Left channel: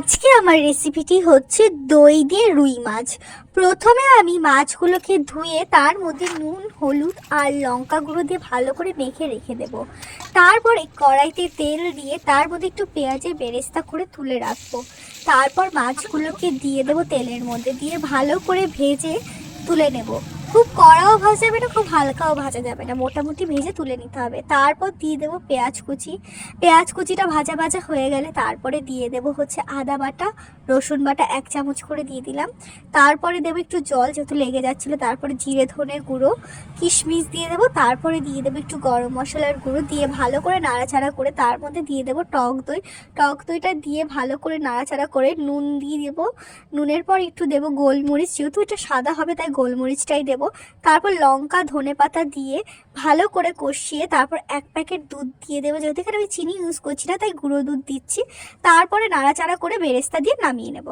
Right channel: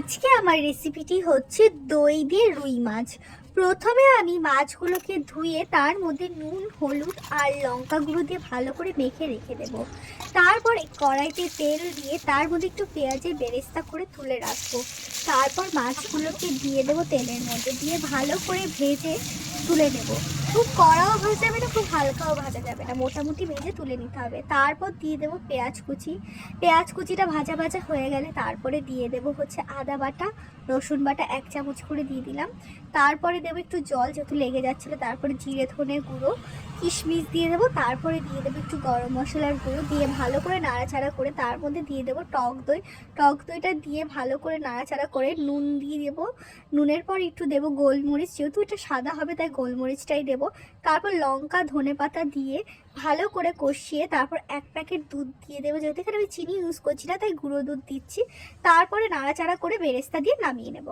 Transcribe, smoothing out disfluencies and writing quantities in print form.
আজকে আমার রেসিপিটি হচ্ছে দই দিয়ে রুই মাছ। প্রথমে আমি মাছগুলোকে ধুয়ে তার মধ্যে নুন, হলুদ আর লঙ্কা গুঁড়ো দিয়ে ভালো করে মেখে রেখে দেব। তারপরে কড়াইতে তেল দিয়ে তার মধ্যে একটু পেঁয়াজের বেরেস্তা করে তুলে রাখবো। তারপর মাছগুলোকে দিয়ে দেবো, তেলের মধ্যে দিয়ে ভালো করে ভেজে তুলে নেব। খুব কড়াও ভাজা যাবে না, খুব হালকাও ভাজা যাবে না, মোটামুটি ভেজে তুলে নিতে হবে। তারপর দিয়ে দেবো পেঁয়াজ কুচি। পেঁয়াজ কুচিটা ভাজা ভাজা হয়ে গেলে তারপরে দিয়ে দেব হচ্ছে আদা বাটা, রসুন বাটা 1 চামচ করে দিয়ে দিলাম। তারপরে দেবো একটু জল, যেহেতু লেগে যাচ্ছিলো। তারপরে জিরে ধনের গুঁড়ো, কিশমিশ দিয়ে দেবো। তারপরে দিয়ে দেবো একটু গরম মশলার গুঁড়ো, দিয়ে ভালো করে নাড়াচাড়া করে তার মধ্যে দিয়ে দেবো টক দই। টক দইটা দিয়ে ভালো করে নাড়াচাড়া করে নুন দিয়ে দেবো। নুনের পর একটু দেবো গোলমরিচ, যেহেতু এটা সাদা হবে তাই গোলমরিচটাই দেবো। তারপর লঙ্কা, ধনেপাতা দিয়ে ভালো করে কষিয়ে তারপর 1 প্যাকেট দুধ দিয়ে দেবো, যেহেতু এখানে আমি চিনি ইউজ করছি না তাই গুঁড়ো দুধ দিচ্ছি। তারপরে নাড়াচাড়া করে বেরেস্তা দিয়ে নামিয়ে নেব।